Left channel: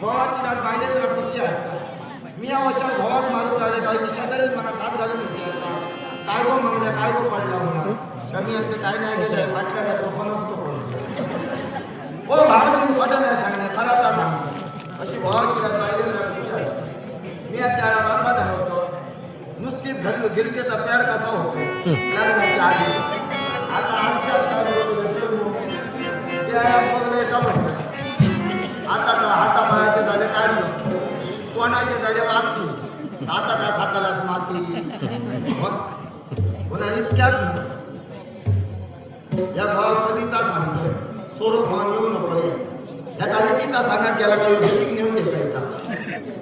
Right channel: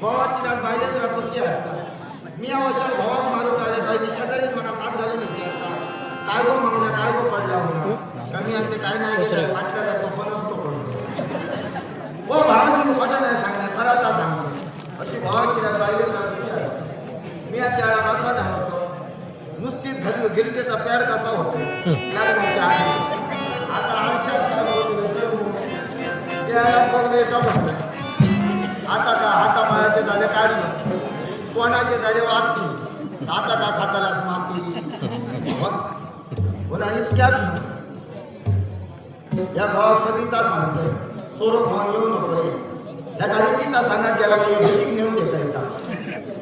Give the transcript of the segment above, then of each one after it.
भावाची रात बायलेन राखूची असता. मी अवसर भावाक मारून आले काही शेजारीन मला साथ घालून विचारता काय गो मंगल्या काय गो पडला होणार कमी आणते काय नाही गेलं वाटलं तर तो पण असतो पडतो. हो भावाची खोटं नाही सांगणार खरा तर सांगतो अशी भावाची रात बायलेन राखूची असता. मी त्याला असा धावतो नुसतीच घरी गिरटेचा पॅड कसा होतो लग्नाच्या आधी. आता आयुष्यात बघलं येता बसलं आता का हातापायाचे झाले काढलं कोणाचे झाले वाती आता का खातालाच माती पुन्हा इतक्यात या भाव सदिता सांगतो सोडून खाऊन येऊ नको रे ह्या कालिकीचा सांगत गेला काही बिल्डिंग नेऊन देता येतात.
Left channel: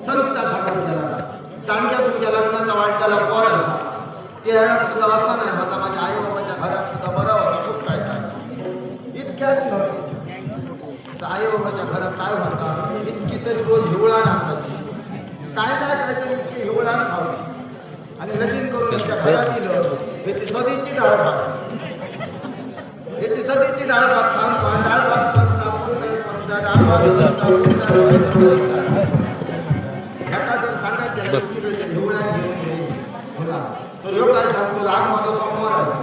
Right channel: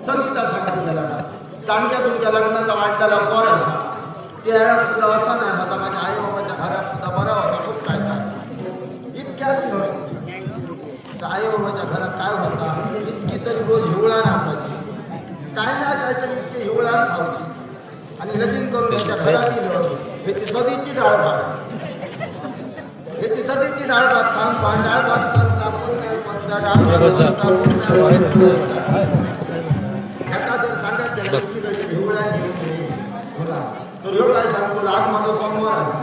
सदिता सांगत गेला का दांडग्या तुमच्या लग्नाचा वाटताला पर असा ते सुद्धा असा नाही होता माझ्या आई बाबाच्या घरात सुद्धा बरं होता खूप काय काय इतक्यात नव्हती. तर आई बाबाच्या घरात काय होता इतकी तरी रोज हिवळान असायची काय नाही काहीतरी इतकी हिवळान खावची आणि लगीन करून याच्या घरात दिलं ह्याची सदीची डाळ भात ह्याची सदीची डाळ भात खाऊन डाळ भात डाळ एखाद्या सांगायचं त्याला हिवळान घेऊन गेली होला तर ह्यो काय सांगतो आज माझा सोमवार असा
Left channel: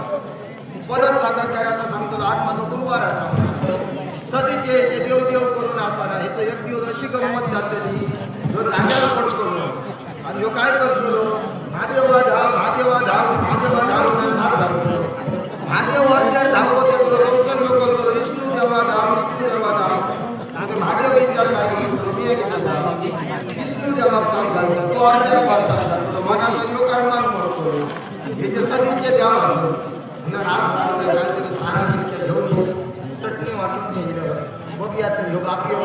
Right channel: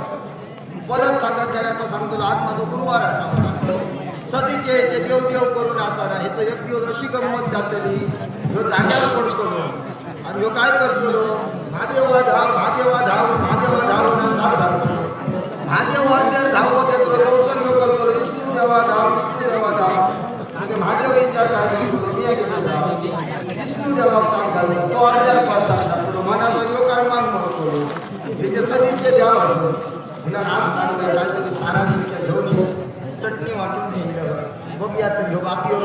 परत सांगा त्याला सांगतो आज माझा गुरुवार असा होता. सदीचे देव देव करून असा ना ह्याचं एक दिवस अशी गंमत जातली ह्यो जाग्यावर पडतो आणि ह्यो काय करतो महादेवा धाव महादेवा धाव महादेवा धाव साथ घालतो. महादेव वरत्यार धावत येतो दर्शन ह्यो करतो विष्णू देवा धाव म्हणजे महादेव विचार काय करतो मी आहे की त्याचा विष्णू देवाक साथ घालतात तो अर्ध्यार पाडतात घालतो मनाचा ह्यो कर्मान म्हणतो त्याचे सदीचे देव असतो म्हणून आज चांगलं काहीतरी सारा जिंक्या घेऊन चटणी वाटून घेतलं बघूया तर ह्यो बाकी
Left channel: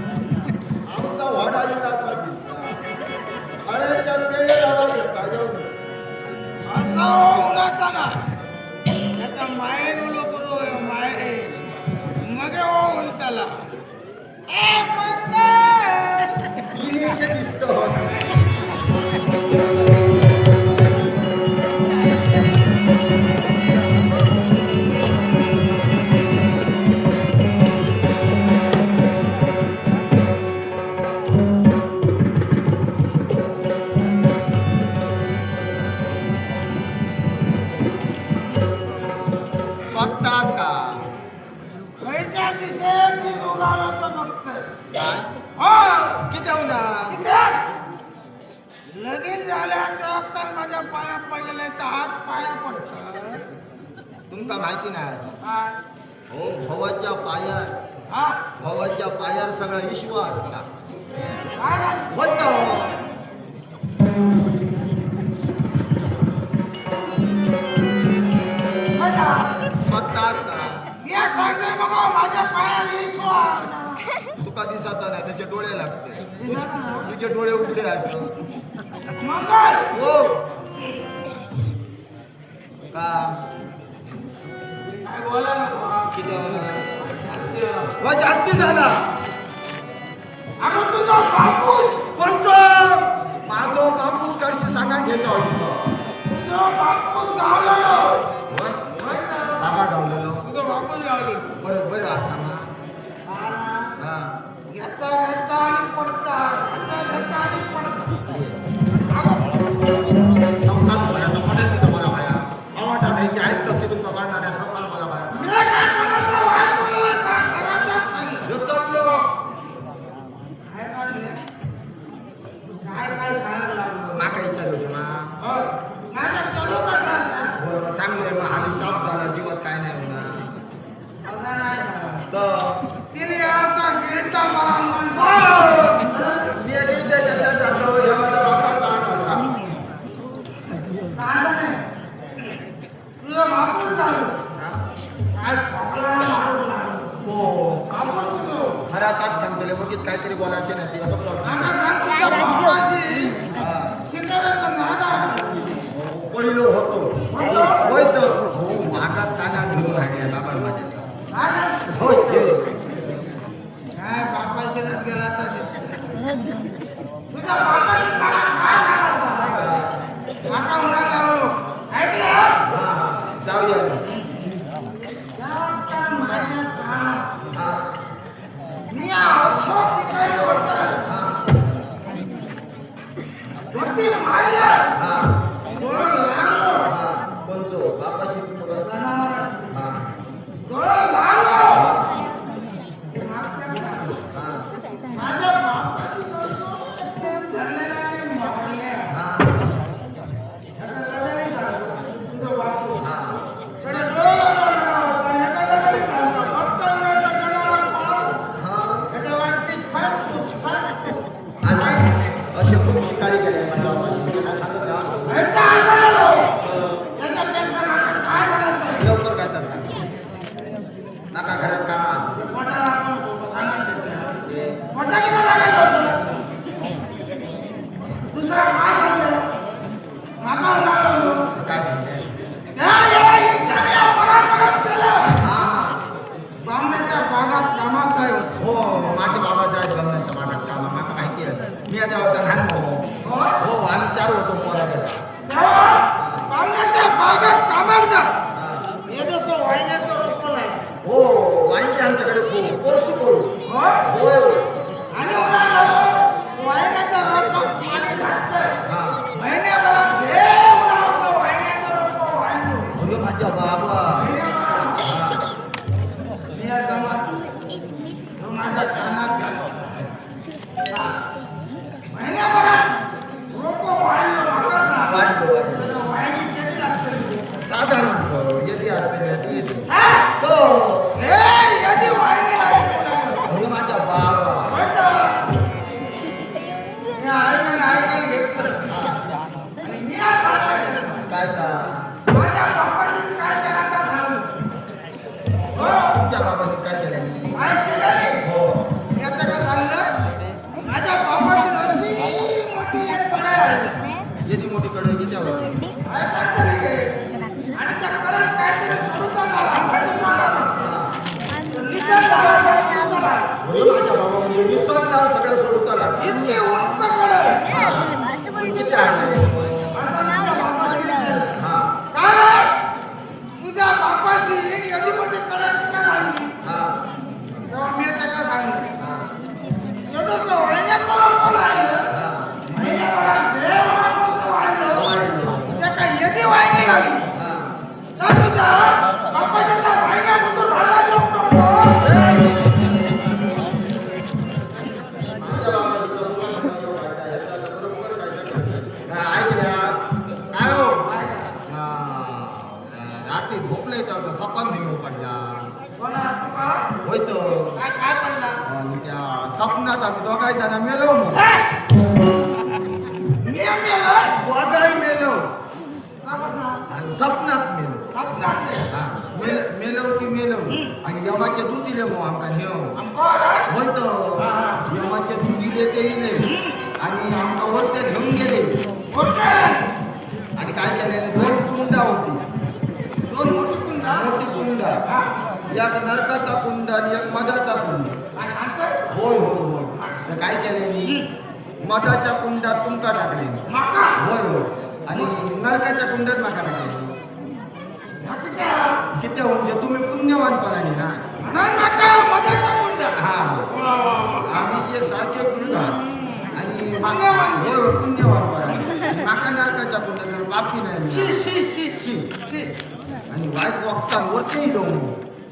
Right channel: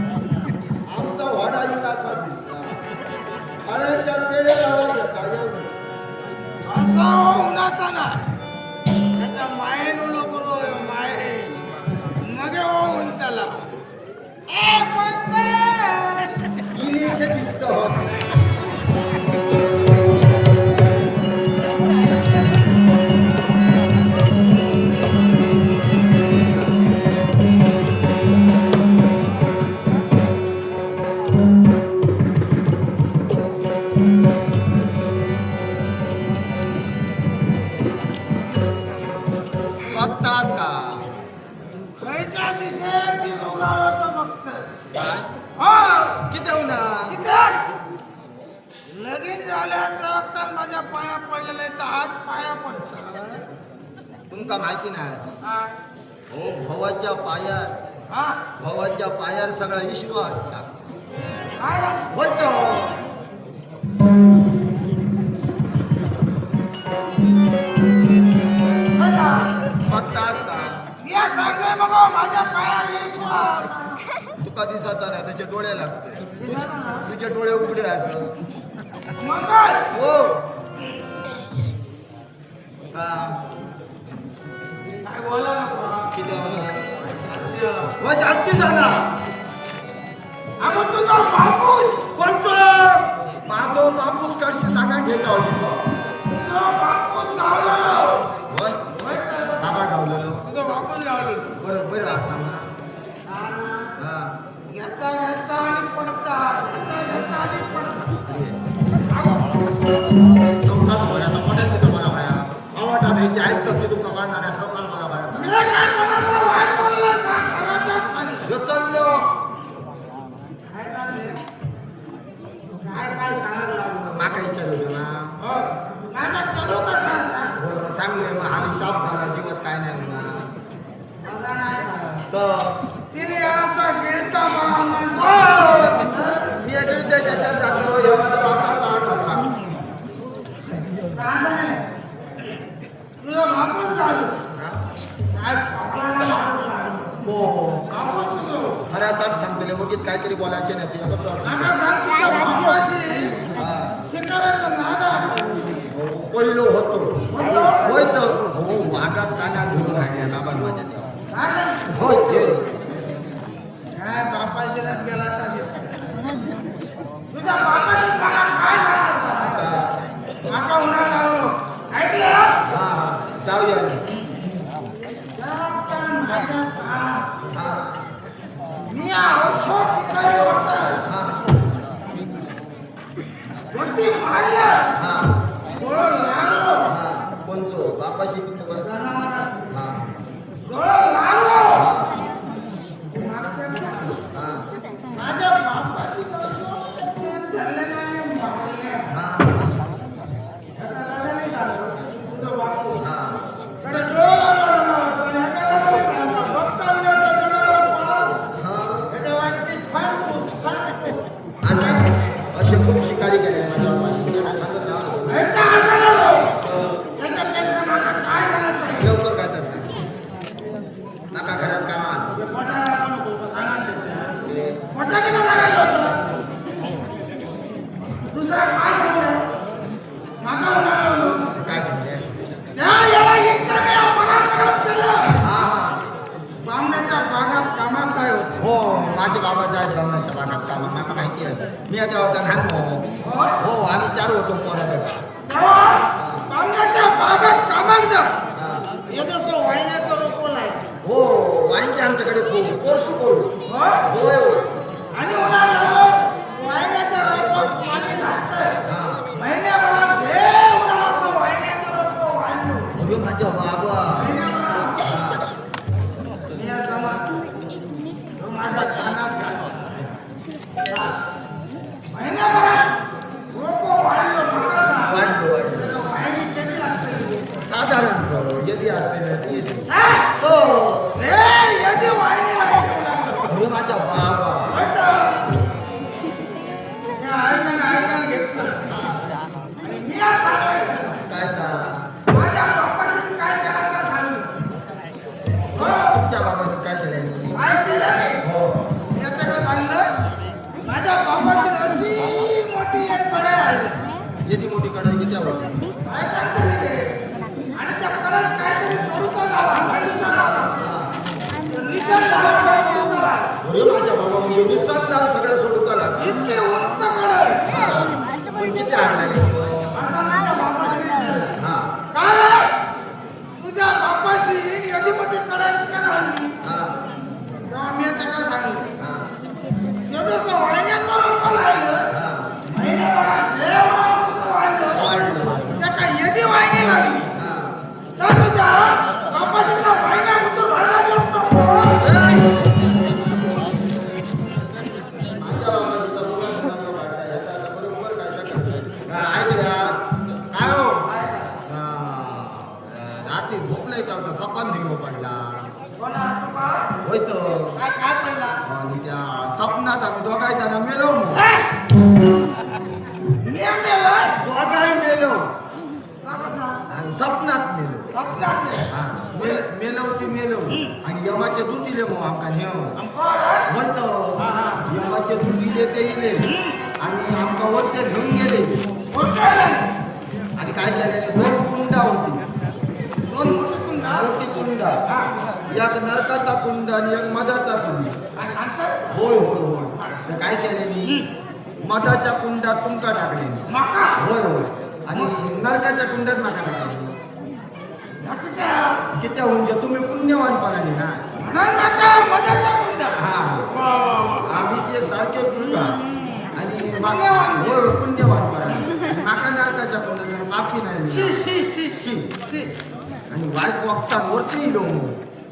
आमचा वाडा येईल असा दिसता फळ्याच्या पेळे आवाज येता येऊन असा उन्हाचा नाही आता मायेन उलो करू माये मग होऊन त्याला इलेश दिसत होत लगीन झाल्या माझ्या पाया पडलेले तर आज पाया पडत तुमका माहिती नाही काय हो भवाच्या पायात हा भवाच्या पायार सगळा ईश्वर असता काय झालं? बोलतो काय झालं? स्वतःच का मी आज सांगतोय मग माझ्या पायावर विश्वास तुका दिसत नाही त्याचे डोळे लागते तुझे डोळे उघडे असत मंगल हो का काय बोला नको किती होणार जास्ती होला. व जास्ती झाला अगं तुझा बापूस कोणतो माझो बापूस करशी सांगा घेता होती तुझा बापूस गावलेलो होय होय ना? बाबा गावलेलो तुझा बापूस गावलेलो बरं बरं असा ना हा ना. हा घेता घेता आणि पडता घेता घेता आणि पडता अरे अगं चौकाच बोला तर मोठ्याच तिथं मला भाया आवडतात हे जे ऐकतं ते तुमचा काढणाऱ्या चौकाच मला भाया मी काय म्हणायचं वाईट बोलला का खरंच सांगितलं ह्यो चाललो काय चाललंय? काय काय सांगायला लागलो माका विचारलो ना हो माझा स्वरूप कसा असा होय मग सांगलोय मग हाली शाप झाला जीवात काय नाही होणार माझा नाही झाला तर तीन वेळाचा गिळता मला मी इकडे त्याच्यात जातो ह्या माझा बाबा चालत असा तुझं बापूस झालं हा? काय पकडायला लागलो लागलो. हो बापूस तुझं खऱ्या आता सांगतले मग काहीतरी बोलायचे नाही ते बघ आता सांग तुझ्या बापाशी हा. शिकायला नादा पहिलो होतो होतो? होय तर हो मागात काना धरून राहिल्या बाबा माझ्या तेव्हा. काय होय ते काय बापाशी रात गेला आता दिसत तुझ्या बापाशी मला काय सांगायचं का- माका उन्हा लागलो ऐकलं हा जाऊया त्या माझ्या कानात हा मी असो शिकारी होता हा वरती मारलं हा डोळं लागलो हा कोणतो बापाशी तुझं जनावराला हा डोळं लागलो हा माझ्या बापाशी नसो धरलेला आणि मारले हा एका नाही झालं तुझं बापू हा कडे डोळं लागलो पण एका नाही झालं फक्त उन्हाचा जनावर पाळ हा त्याच्या वाटते फासफूस फासफूस असं असे खूप शिकारी केले माझ्या बापाशी त्यांना सांगत राहा ऐका असं नको त्याच्यापेक्षा माका काय झालं आहे लवकर काय तर सांग नका घरात कामा असं मोठा आपण होतो सांगा त्याच्या रे मोठा किती लागायचं होतं दुसरा काय झालं माका उन्हाळा काय सांगते त्या याला इतकं मी अपराध केलं हा हा बामण्याच्या बागात कामात काय होतं हो माझे बाबा जायत गमनाच्या भागात कामा मला माहिती आहे सर मी आता होता लहान भाऊ हो? हो आम्ही 4 होतो पोराकडे तेव्हा बामण्याच्या बागात कामात जा हा. हे जसं वाहिन्याचं रोपल आहे हो वाईची आमच्याकडे खूप पोरसू बोलू हो होय हो आणि उन्हाळा वाहिन्याच्या रोपात पाणी घातलं हा महिन्याभरात हे उन्हाळा असं वाहिन्याचं रोप वाहिलो अरे माझ्या बाबा महिन्याभरात हा. मी या समाज तो माझ्या कानात घातला महिन्याभरात रोप वाहिलो मागाचा वाढलो वाढलो त्याचं वाहिनी किती लागते साधारण यदी असते ना ती येते हा? हो हे यादी वाहिनी लागली अरे माझ्या बाबा ऐकन घेतलं आणि मी आज सांगायचं काय का माझ्या बापाशी काय केला का सांगू हो तुमच्या बाबांनी काय केल्यानी काय केलं हो मी आता काय सांगलं माझ्या बापाशी अशी मोठी एक कडे आहे यदी मोठी कडे किती होती काय काहीतरी घे. आणि त्या कडेत काहीतरी सोडूचा झाला भाजीचा झाला तर निशाण झाला का सोडूचा झाला अरे माझ्या बाबा म्हणजे निसर्ग सगळं सोडूचा लागला इतकी उंच कडे पण किती आणलाय असा तुझ्या बापाशी विचारलं. हा काय रे? तुझ्या बापाशी एवढी मोठी कडे का घालली हा तेव्हा मी आता काय सांगलं हा जसं वाहिन्याचं रोप लागलं हा महिन्याभरात एवढं मोठं वाढलं वाढलो त्या काय येदी वाहिनी लागली हा तर तुझ्या बापाच्या त्या वाहिन्या कुठं भाजा घेऊन नको माझ्या बाबाची बरोबर काय ऐकल्या काय हो रात्री झोपलंय तेव्हा सपान नाही पडला कोणा तुका होय तो काय काय पडला आणि त्या सपनात आम्ही दोघाही जण मेलो नियम गेलाय दोघाही मेलो का कसा आणि सपनात मेलो स्वप्नात नाही हा मेलो ती मेलो आणि यमाचे दूध दिले मग आमका नेव आमको रे होय तो हा, हा. यमाचे दूध दिले ते इले आणि आमका वरते घेऊन गेले कोणत्या आणि काय केल्याने 2 कुंडा होती दोन मोठी कुंड मोठी कुंड हा एक नरकाचा कुंड आणि एक मधाचा कुंड. काय सांगतात होय होय होय. तर काय केल्यानी मधाच्या कुंडात तुमका टाकलेनी. माका होय होय. आणि नरकाच्या कुंडात माका टाकलेनी. नक्की काय किती म्हणजे तुम्ही पुण्यवान परानी ना. म्हणून माका मधाचा कुंड हा वा वा वा आम्ही एक सारखे पुळगा आणि पुण्यवान. होय होय पुण्यवान परानी. आणि माका नरकाच्या कुंडात जर पापी नाही शी मिळाली. शी शी शी. शी आणि वाईट वक्तांवरती येईल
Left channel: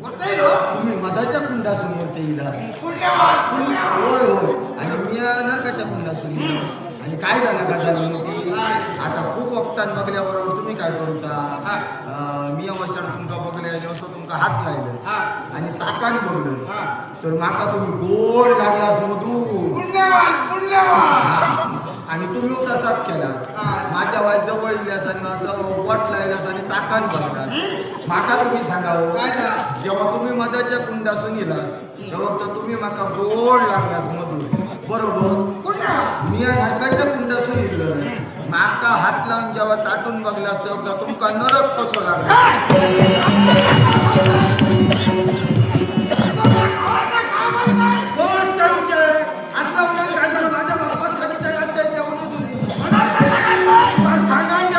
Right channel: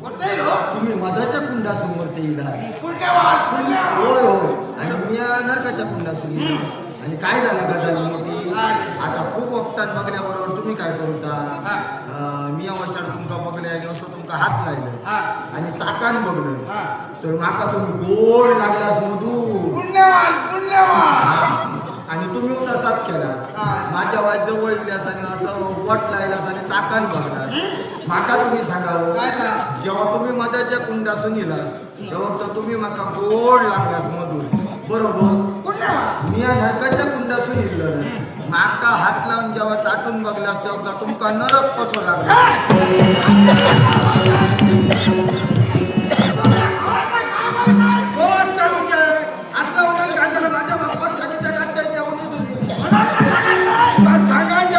होतंय रो तुम्ही मधाच्या कुंडासमोर ते येईल. पुण्यवान पुण्यवान होय होय. आणि मी नरकाच्या कुंडासून येईल. आणि काय झालं का झाली मोठी आता खूप वक्तान बघल्याबरोबर तुम्ही काय करूचा हा मी अवसर तुमका बघले आणि असं तुमका हात लायलं हा आणि चाकान बघलं हा तर माका तुम्ही गोड लागलास मधू. पुण्यवान पुण्यवान आणि तुम्ही तसाच केला. हा. माझ्या वाय जवळ इल्यास आणि असं वट लायलास आणि ताकान बघलास. माका तुम्ही सांगावं काय का जेव्हा तुम्ही मधाच्या कुंडासून येलास तेव्हा तर तुम्ही माका गोड लागलास मधूर बरोबर. पुण्यवान मी या नरकाच्या कुंडासून येईल माका हात लावून जेव्हा चाटून बघलास तेव्हा तुमका नरक कसो लागला. माझ्या बाप्पा सांगितलं का जेवण तुम्ही सांगायचं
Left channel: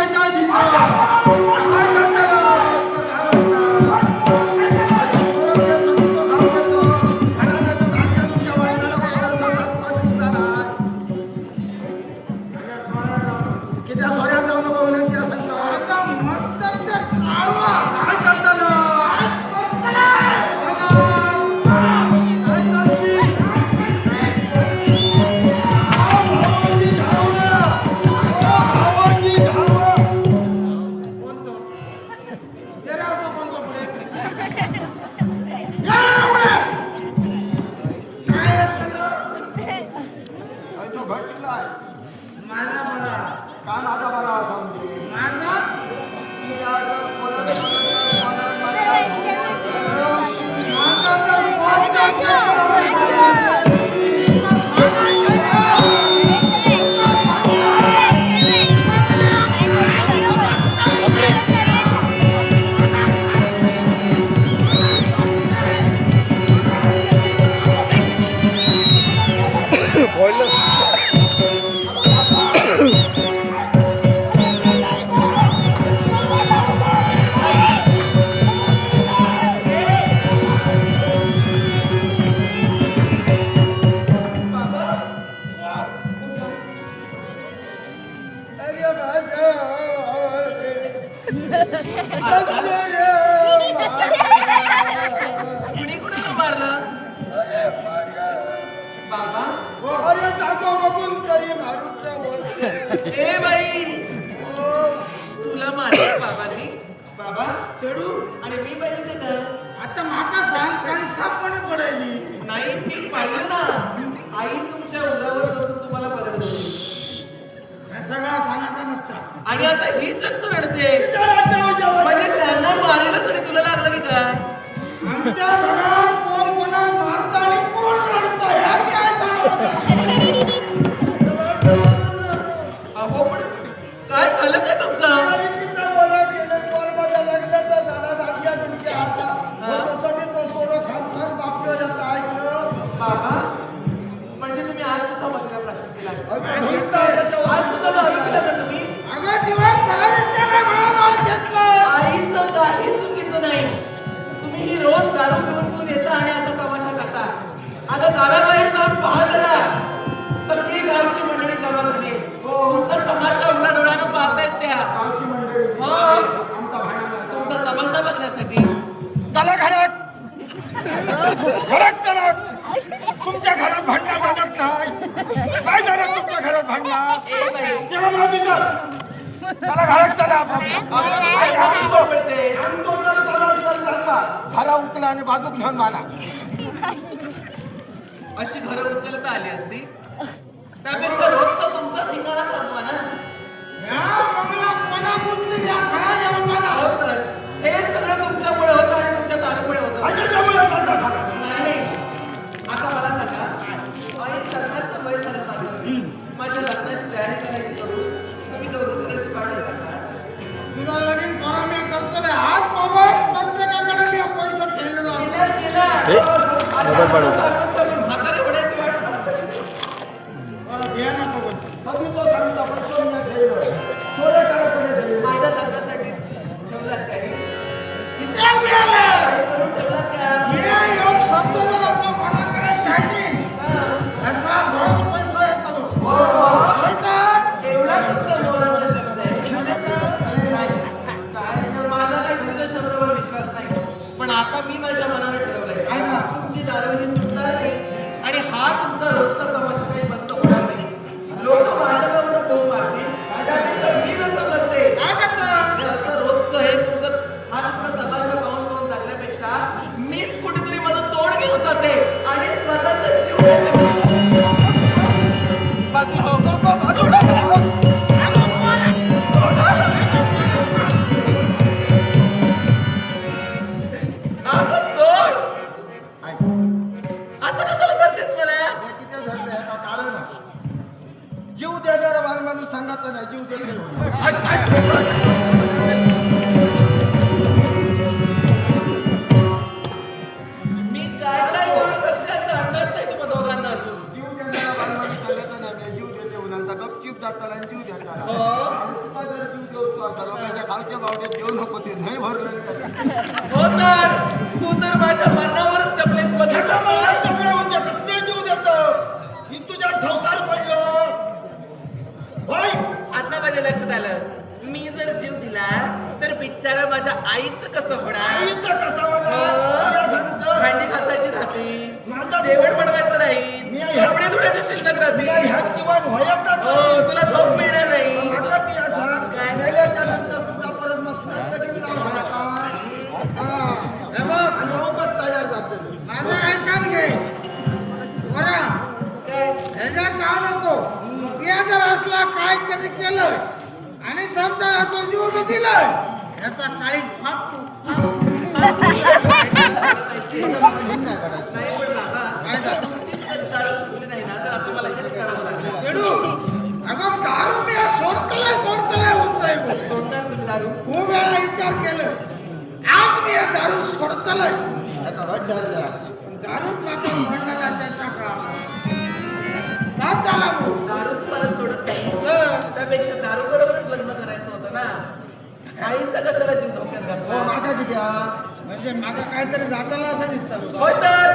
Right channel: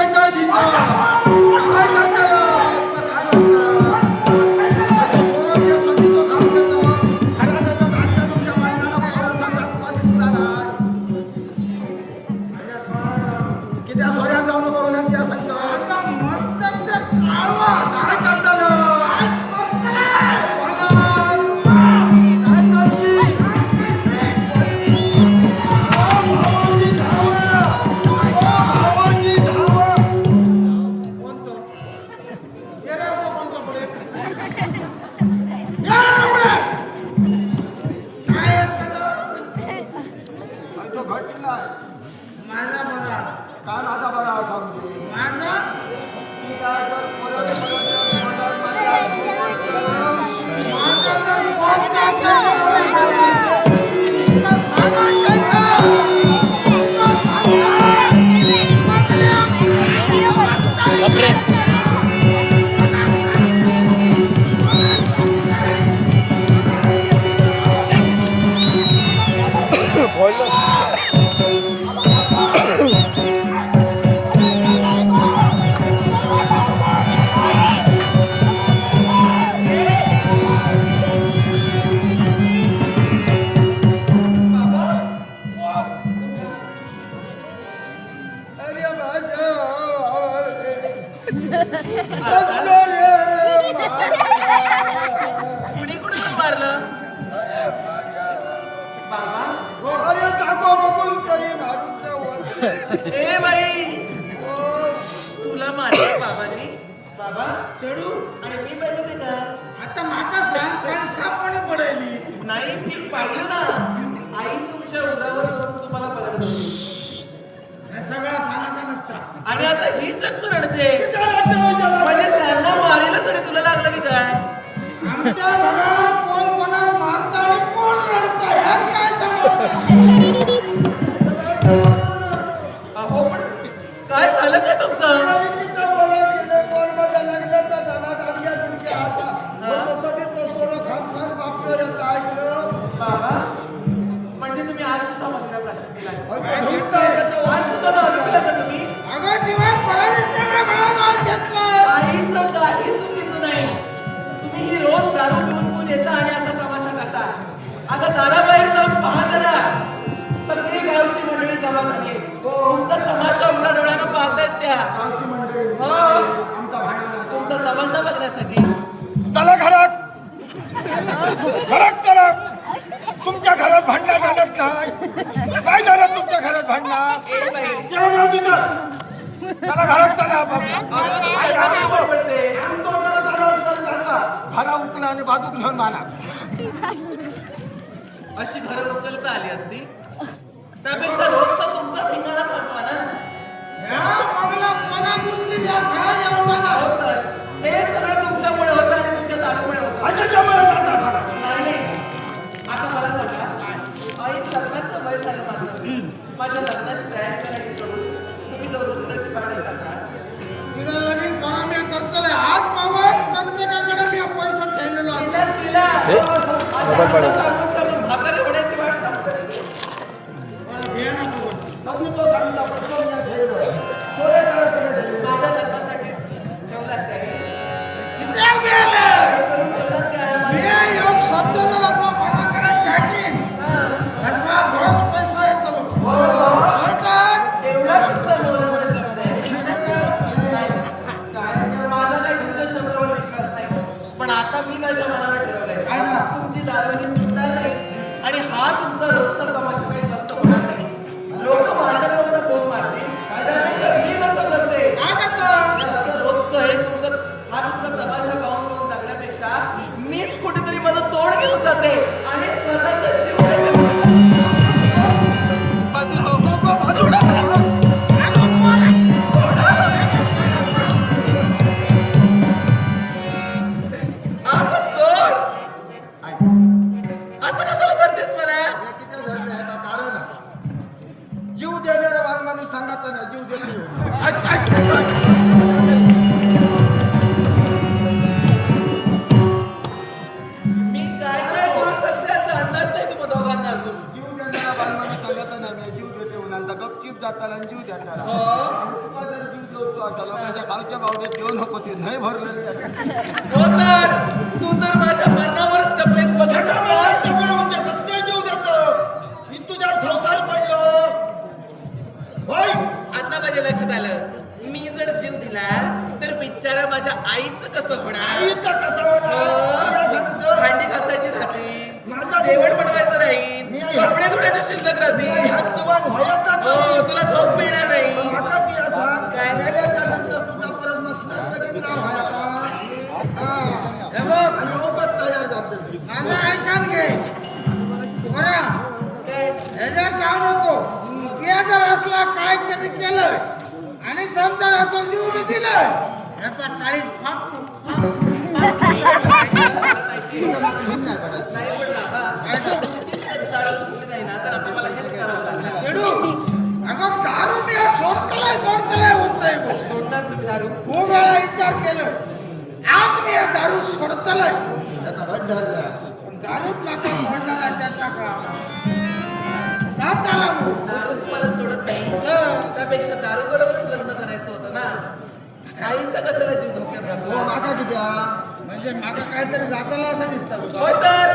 किती सोऱ्या जाऊ नको म्हणून त्या सांगतो. आता मस्त तर चालवा काय करताना तो घटलाय माझा बरा काय माझा बरा असा म्हणजे माझा माझा तर वाटतं कुणी कुणाला मारलं बाबा अरे जागो बघून तरी मारूचं वंश. ए बाई तुला मारलं बाबांनी बाबा चढू आणि मी पाहिलं ते का आता माका सांग कणसापणे पडायली नाही मी पाहिलं ना आई तुमच्या उरावर बसून तुम्हाला पलट होती हे सगळा सांगायचा नसता आणि आता ही चक्क रडते म्हणजे त्यांना मारायलाच आणि तुला लागलं की काय आमच्या घरात कोण कोणाला मारता आणि कोण रडता यात काय सांगायचं अहो पण काय झालं काय तुमचं बाबा म्हणजे तुम्ही आज सुद्धा मशीला प्रश्न केला आज सुद्धा दारू पिला का तुम्ही अगं जीवन पराजय काय म्हणून आज घेतलं आईचं काही चुकीचं नाही तुम्ही ही रोज दारू पिऊन पिऊन येता आणि असा तमाशा करता आता दाराबाहेर जाऊन पहा जरा सगळी गावची मंडळी जमा झाली तुमचा तमाशा उघड्या डोळ्यानं पाहतायत त्या हो तुमचा तमाशा बघण्यासाठी चला घरात घरात चला. तुमच्या घरात भांडणं झालं काय काय झालं तुमच्या घरात भांडणं ए बाई तेव्हा मला तिथं चला घरात चला आई आम्ही बडबडते घरा उकला आणि बाजूक घेऊन माना. अशी घरं उचलता आली असती त्यापेक्षा रोजचा तुमचा ठिकाणा थांबवा ना ह्या मंगला मना गुंतली त्या सगळ्या जेवताना हो तर हे सगळं तुमच्यामुळे होतं आणि तुमच्या दारूमुळे होतं नाही नाही आता मला सांगा आई लग्नाचं वय झालं माझ्या लग्नाची तयारी करायची सोडून तुम्ही दोघं जण अशी पाठवत राहता तुझा लगीन कोणा मी करतले हात मामा सांगून सांगून म्हातारे होण्याची वाट लागते. सगळी तो सांगितला पण सोन्या ठेवलं सोन्याकडे ठेवलं माझ्या लग्नासाठी ठेवलात काय किती मिळालं हे करून ठेवलात काय मी योग शब्द जर असं मनाकडे टाकीन हा. असा रोज पैसा येतो हो. होय तर एवढा तुमचा मोलाचा शब्द आहे होय तर? नाही. तर माझा काही तुमच्या शब्दावर विश्वास नाही पण आता मी माझ्या मनावर ठरवलंय काय ना? तुमची दारू ही सुटणार नाही आणि हा तुमचा रोजचा तमाशा काही बंद होणार नाही. लोक माझ्या नावाला बोंब मारतील त्यापेक्षा मी जसं करते काय करतो आणि असं रोजचं हे तुमचं हा तुमचा तमाशा पाहून पाहून जगण्यापेक्षा मीच कुठेतरी माझं तोड घेऊन जाते आणि स्वतःचा जीव देते. बाजूला हो. आता सोड. ऐक आता कशाला करतेस मला हे किती धरलं ह्याचा कारण जीव देणारा बाल माणूस सांगायचं नाही जीव देत नाही होणार मी काय काय करू शकते याचा अंदाज नाही तुम्हा दोघांना अजून. जीव देणारा बाल माणूस सांगायचं नाही मी जीव देते होणार तर गपचीप जाताना आणि जीव देताना हो. आणि तुका जर जीव देऊ असा लोकांच्या खावच्या बावड्यात देऊ नको ते नाही भरलेली आहे. हो तर तू तर माझ्या मनावरच टपलेस बघा कसले जीव देतो मी तुझ्या संसार पडलो होय आता माझ्या लक्षात आलं मी जर जीव दिला तर बिचारा माझ्या आईचं कसं होणार आईचा कसा हो. होता भांडी घासायची राहतील माझा- जेवण बनवायचं राहील मी- कपडे धुण्याचे शिल्लक राहतील ह्या जीवन होयच हो, तुला झोप मिळणार नाही माका ती असा काय? गेल्याच्या नंतर तुझा परत मस्त लगीन लाव व्हायचा. हा. हे बघ आणि उगाच तयार झाले माझं ऐकान घे बरं काय ह्याच्यात जाऊ नको ते जर असला काय कधी केलं आणि समजा असं जीव बी दिलं ह्याचा काळीच फाटतो नाही पडायचं नाही पण बाबा तुमचीच जर दारू सुटली नाही ना तर आता मला हेच करावं लागणार खेडू अगं दारू मी सोडतलाय होतंय गो सोडणार तुम्ही दारू खूप वेळा विचार केलं आज मी या दारू सोडतलाय एका वाट धरल्या पण दारूच माका सोडला त्याचा का झाला भाऊ दारू तुम्हाला सोडत नाही तर त्यापेक्षा दारू बरोबरच लग्न करायचं होतं ना आईचा कशाला जीव धोक्यात हो घातला माका किती म्हणजे माका काहीतरी जाताला असं दिसतं होय तर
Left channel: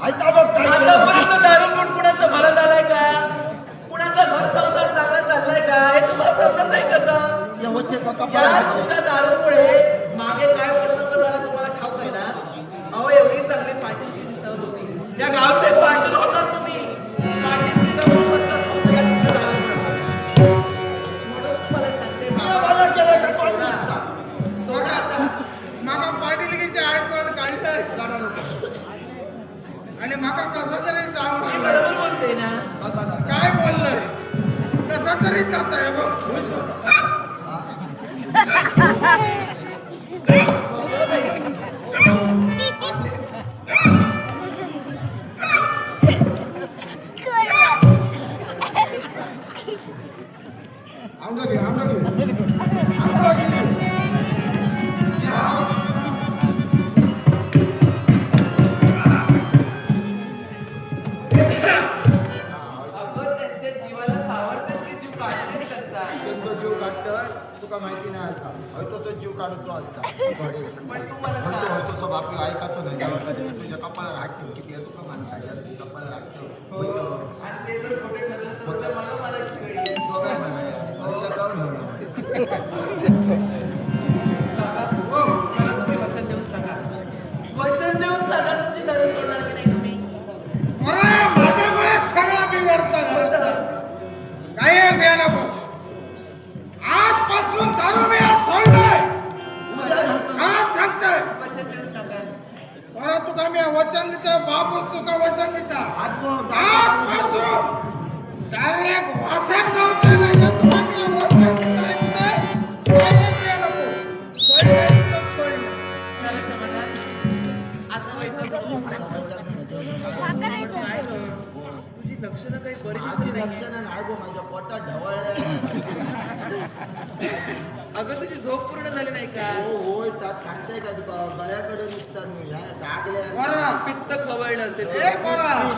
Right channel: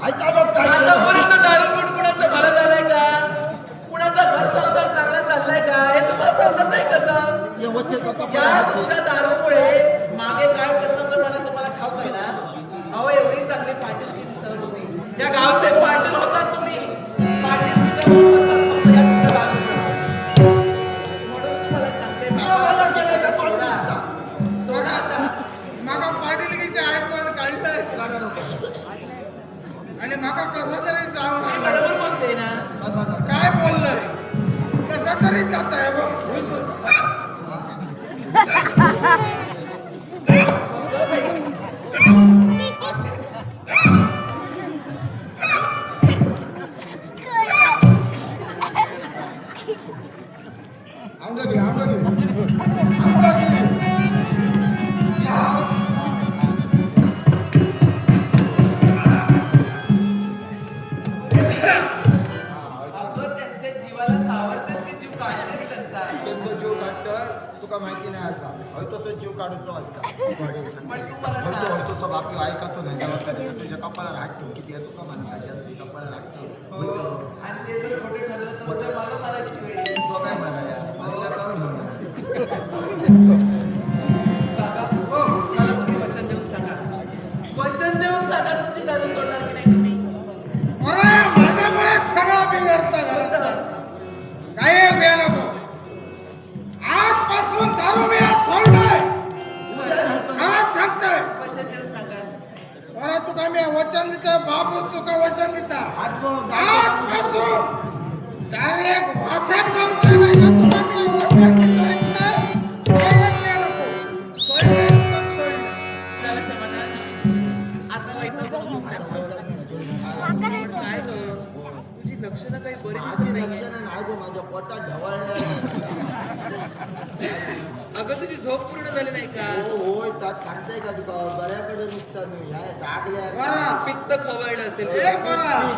ऐका बघ काय केलं. आतापर्यंत दारू पिऊन कुणाचं भलं झालंय का कुणाचा घर संसार चांगला चाललाय का हे तुम्हाला समजत नाही कसं ते वच्चे तो या कपडा तुमच्या दारूमुळे मागे काय प्रसंग झाला तुम्हाला ठाऊक आहे ना अहो एवढी चांगली पाटील दिसत होती या गावचे पाटील होतात तुम्ही पाटील बसतात फक्त या तुमच्या दारूमुळे म्हणून तुम्हाला सांगते मला केलं का पाटील सोडा. दिसता. सोडा आता. माका पाटीलकीचे आठवण काढलंय गाडा नको. आणि माका कसं तरी जाऊन मी आलं. बरोबर म्हणते ना बसा ना. काय बोललंय कसं तरी जात आहे बघ खुश हो. आमदा घे आमदा घे आमदा घे या. अगं त्यांच्या जीवाला सावरतेस की जीव काढतेस त्यांचा त्यांचा जीव काढतोय तुका माहिती नाही असा होय तसं जीव काढूचो असता घोडे पण तू मला होय तो सांग. होय तो सब आपली ऐकायचो नाही जेव्हा कधी तुझ्या कपाळाला हात ठेव किती आहे तुका मानता जास्त कपाळाला हात ठेव होय तो. आणि ते जर खोटे ठरलं तर उद्या मला मारायची वेळ येईल. तो काय म्हणा यार मला जाऊन घेऊन बाबा, हो, मला तुम्ही वचन देऊन सांगा वचन देऊन सांगा तुमची दारू सोडणार की नाही तुम्ही अरे माझ्यामुळे सगळं बिघडतं काय वेळ नको आजपासून दारू मी आज सोडलोय खरंच सांगतोय वचन देऊन सांगा परत तुका मी वचन देतोय बापूस तुका वचन देता हात आजपासून डायरेक्ट वासाक जाऊचा नाही या तुका मी वचन देतोय काय वेळ नको सोडलं तर सोडलं झालं समाधान आता वैताग नकोस त्यांच्यावर. पण काय गं, तुझी लक्षणं काही बरी माझी दिसत नाहीये. लक्षणं नाही गो, माझ्या पोटात ढवळल्या. अगं तुझी झोप पूर्ण झाली नाही का? हो होय, त्यात सांगताय का तुका गळ्याकडे नुसतात मी ह्या डागल्या. बरं. पित्त खवळलं असेल. ए बरं.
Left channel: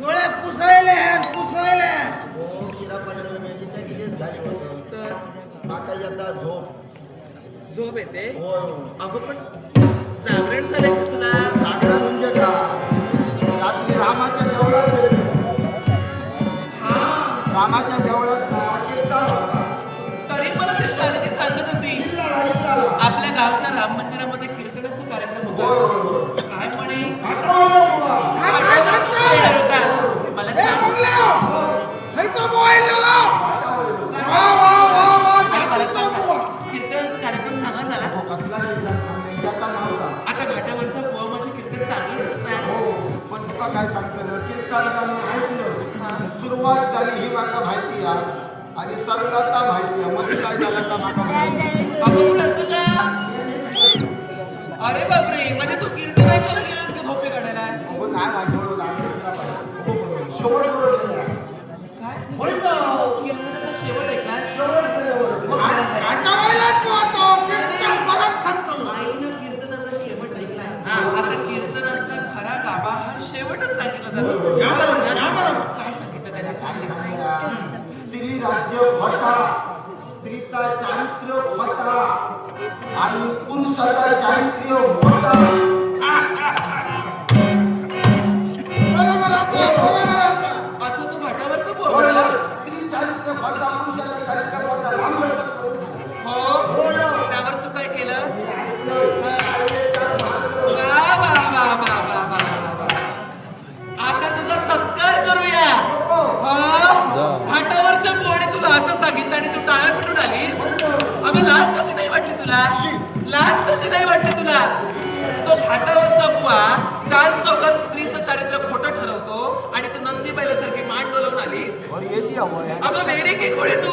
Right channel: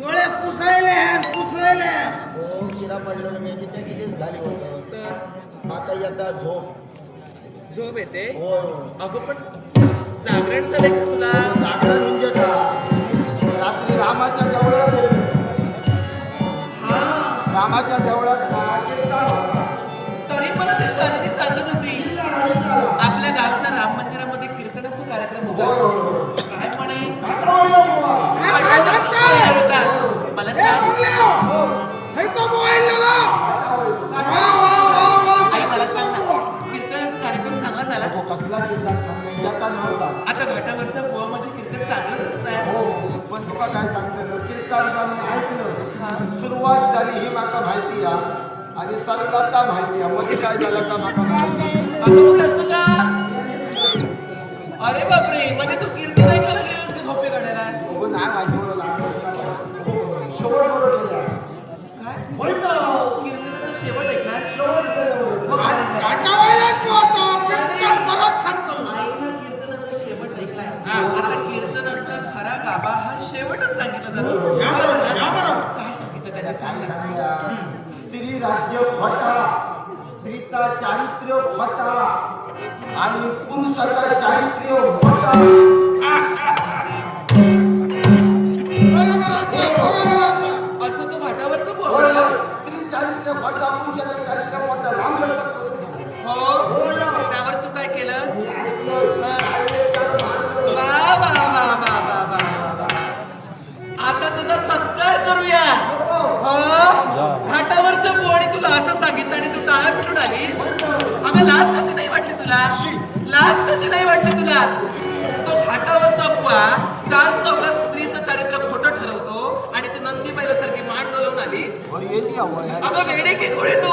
डोळे पुसायले पुसायले. हो शिरा पडलेलं मी तिथे कितीच झाली होतं. तर आता यंदा झोप. झोप येते. होय होय. अगं पण जागरण झालंय का तुला? जागरण म्हणजे का, रात्री रामाच्या देवळात गेलो. रामाच्या देवळात कीर्तन होता. तरी मला ते शालिनी सांगत होती आपल्या गावच्या राम मंदिरामध्ये कीर्तनाचा कार्यक्रम होय होता. होय होय. काय म्हणे? आठवलं बुवा. पाठवण्याचा होता. मला ए सांग. बंगल्या. हैचा मोबाईल लाव. वा वा वा वा. आई मला सांग ना, कीर्तनाचा कार्यक्रम चांगला झाला. हो, कसला कीर्तन सांगणे त्याचा नव्हता. आता घाटावरचं पोह म्हणजे कीर्तन चांगलंच असणार. हो पण तुका काय सांगतं ना, कीर्तन मी ऐकलं. सुरुवात झाली ही माका माहिती हा, आणि सरलता माहिती आहे. मध्ये काय झालं का माका माहिती. अगं पण असं का? अरे बापरे, म्हणजे तू कीर्तन ऐकायला गेलास का झोपे काढायला? अगो नाही वाटवलं लागलं. शेवट बरोबर झाला. काय? होय ना. कीर्तनाचा शेवट ऐकणार? शेवट झाल्याबरोबर. मग काय झालं? आठवायलाच पोहतो. कीर्तन परत सांगतो. आईनं कीर्तनाचा शेवट ऐकलाय. आता कीर्तनाचा खरा गाभा हा शेवटच सांगितला जातो. या बरोबर, बरोबर ना? या बरोबर. काय सांगितलं त्याला त्याने? काय सांगूया, स्त्री राज्य खोटा, स्त्रीचा चारित्र्य खोटा आणि पुरुषाचा चारित्र्य मोठा. बरोबर असं, बरोबर असं. असं तू घाटावरचं होय, बोलायला? स्त्री चारित्र्य खोटा, पुरुषाचा चारित्र्य मोठा. लांब लचक करून सांगितलं. हो, त्यावर तू काय केलं? मी ऐकलं, ऐकलं, मानलं. वा वा वा वा वा वा वा वा. आता तुझा सत्कार करूया. हो, घाटावरचं पोवाडे तुला असं सांगितलं आणि तू टाळ्या पिटून आलीस. अगं लाज कशी नाही वाटली तुला? लाज कशी नाही वाटली तुला? तो घाटावरचा बुवा चार चौकात स्त्रीचं चारित्र्य खोटं ठरवतो आणि तू नंदी बैलासारखी मान डोलवून आलीस. बरं, येते हवं यार. अगं वेडी की खोडी तू?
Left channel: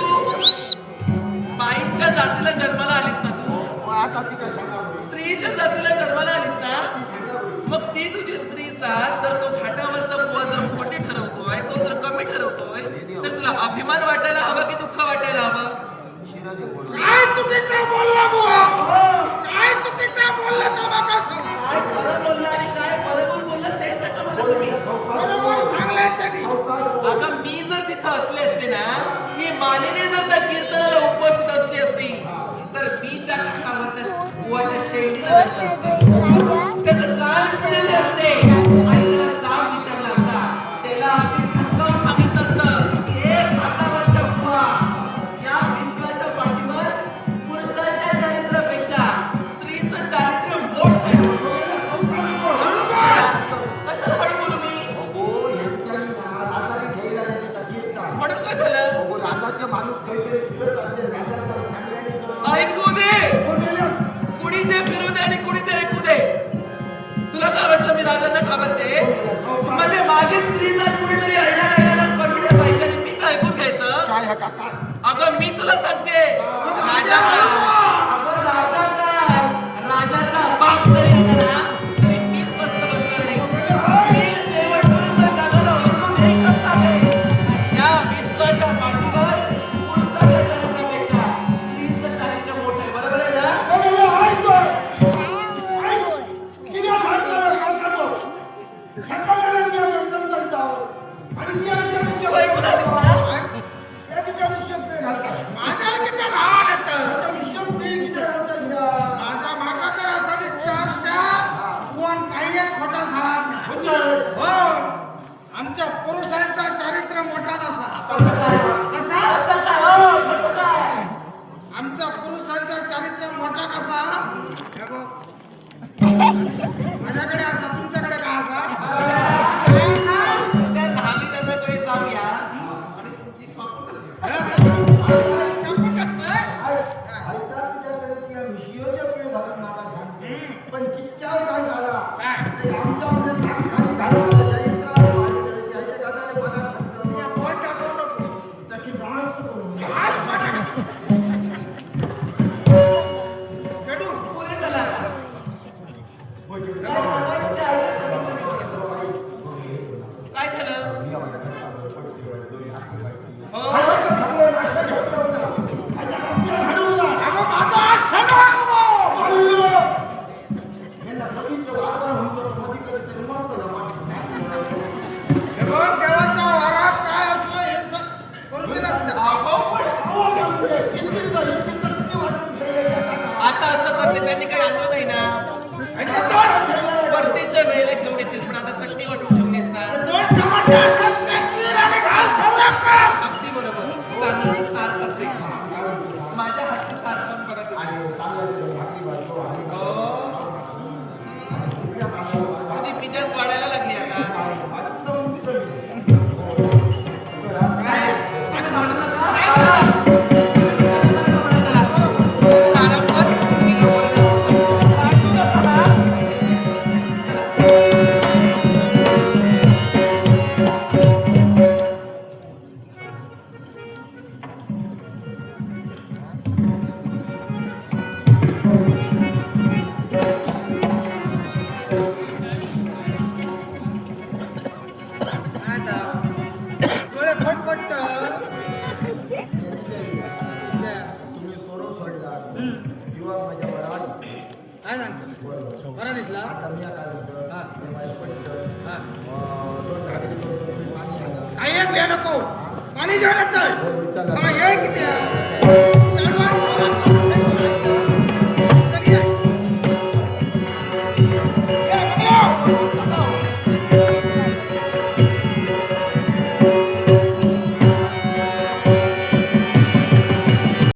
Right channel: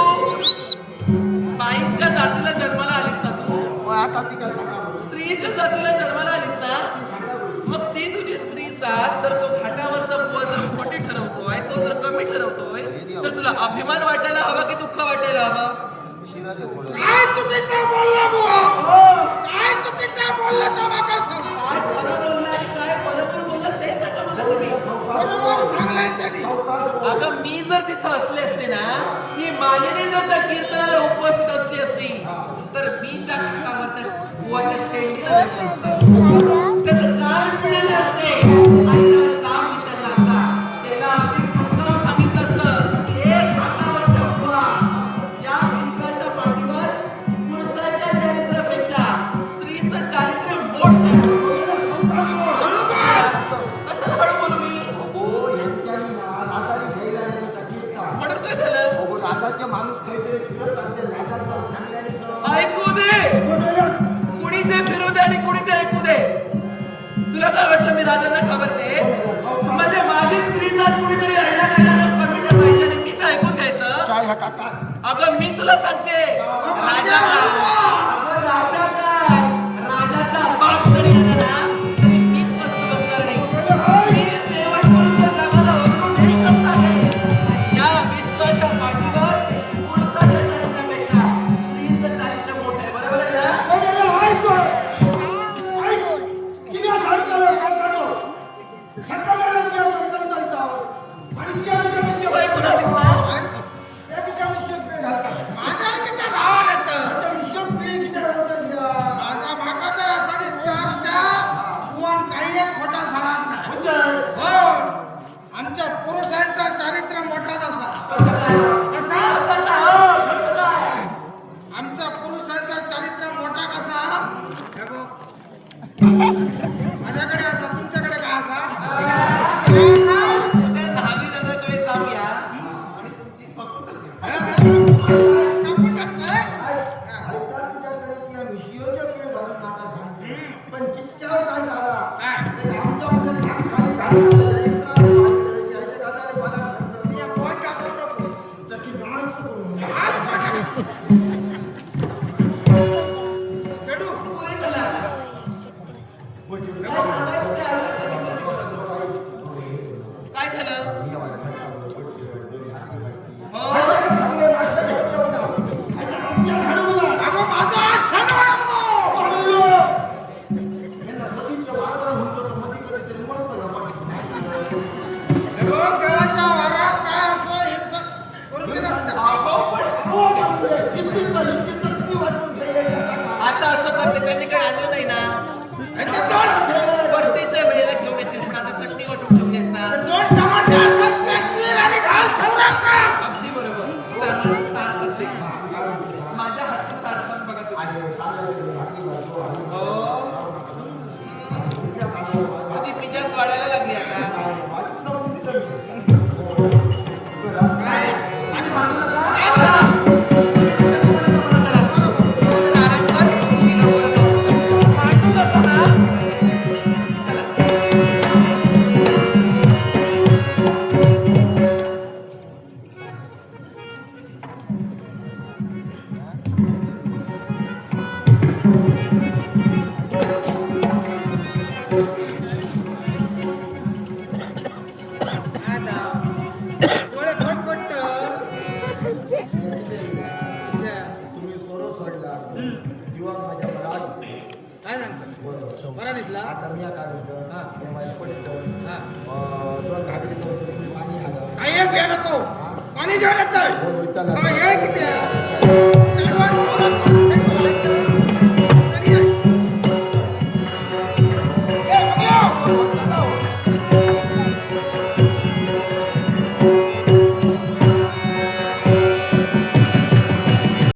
बाईच्या जातीला जन्माला आलीस ना तू? मग आता ती काय सांगा बरं? स्त्रीच्या जातीला जन्माला आलीस ना? ती सांगा बरं. मग ती तुझी स्त्री साथ, तर तो घाटावरचा बुवा जर खोटी ठरवतोय, तो जर कमी ठरवतोय, तर तुला अभिमान वाटायला हवा की दुःख वाटायला हवं? शिरा दे कोण. काय चुकीचं बोलला बुवा? काय चुकीचं बोलला तो माका सांग. काय खरं बोलला आणि काय बरोबर बोलला ते सांगा मला तुम्ही. बरोबर सांगलाय त्यांनी. अगं मी जर तिथं असले असते ना, की मालिनी जर त्या कीर्तनाला उपस्थित असली असती, तर मी त्या घाटावरच्या बुवाच्या शेंडीला धरलं असतं. त्याचं कान पिळले असते आणि त्याला जाब विचारला असता. त्याला अगदी ठणकावून सांगितलं असतं, "ए घाटावरच्या बुवा, या विश्वाच्या पाठीवर पुरुषाच्या चारित्र्यापेक्षा स्त्रीचं चारित्र्य मोठं आहे." कशाला हळू बोलू मी? अगो ह्यांच्यानी ना राजाने ठेवला नाही त्या कीर्तन. म्हणून काय झालं? अगो राजाचे माणूस काहीतरी फिरत असते, राजात जाऊन सांगल्याने तर. ऐकू दे. कुणी ते फिरू दे आणि कुणी ते ऐकू दे. तुला काय वाटलं मी राजांना घाबरते? म्हणजे माझी स्त्री जात कुणीतरी ऐना गायला कमी ठेवायचं आणि मी तर ऐकून घ्यायचं. शाय हा काका. अगं मी तुला सांगते, राजा काय? अगं राजा काय? राजाचा बाप जरी आला ना, तरी मी स्वस्त बसणार नाही. मी शेवटपर्यंत जगाला ओरडून एकच सांगेन, या विश्वाच्या पाठीवर पुरुषाच्या चारित्र्यापेक्षा स्त्रीचं चारित्र्य मोठं आहे. बरोबर आहे ना? तू ऐकून आलीस ना? माझ्या किती राहावं येतं. माझा मागा जर असा दिसणार त्या बुवान काही एक खोटा सांगणार नाही. हो, आमच्या पुरुषांचा चारित्र्य मोठा नसा. कसा? असं का? हो, कसं काय? आमचा पुरुषांचा चारित्र्य मोठा कसा? हे बघ. माझ्याकडे असा, तुमच्याकडे का असा? त्या न्हावी नदीकडे जाऊया आणि तुमची फक्त कापून टाकतोय. ऐकतात तुझ्याकडे त्या मिशियोच्या पीळ घालून नाटा सांग. पण चिच्च्यावर काय झाला? काय? ते आमच्यामुळे खाली घालून यायच्या गादाने मला सांगतो. या पोट टाकू नको. त्याची डान्स करून. आज पोट टाक. खेळू. पुरे चला आता. म्हणजे काय सांगायचं ते आईला सांगितलं मी बरोबर. काय झालं? मी आवाज त्यांनी काही आणलं नाही ना आणि ते दोन परतीच्या वेळेला घेऊन येतील पण आता चटणी वाटून ठेवलीस ना दोन टमाटे असत त्याची आणि घाल सौराकर. अगदी बरोबर चांगलं असं सार करते माझ्या हातचं सार पण बघा तुम्ही तुझी पिजास वाढायला लागली आता आणि म्हणू नका. चला, थोडं आराम कर. मी लवकरात लवकर वाटू नका ना. चला. आता डोळे फटफट तुम्ही सोरो सोडला जीवा माझ्या वरात काय सांगतो बरा दिसला आता मी काय म्हणतो हा. हे माझं पडतं हा. दोन घागरी तुम्ही पाणी आलं काही एक घ्या नको पाणी घेऊन येतोय हो, चला. हा, ये किती आहे? चढवा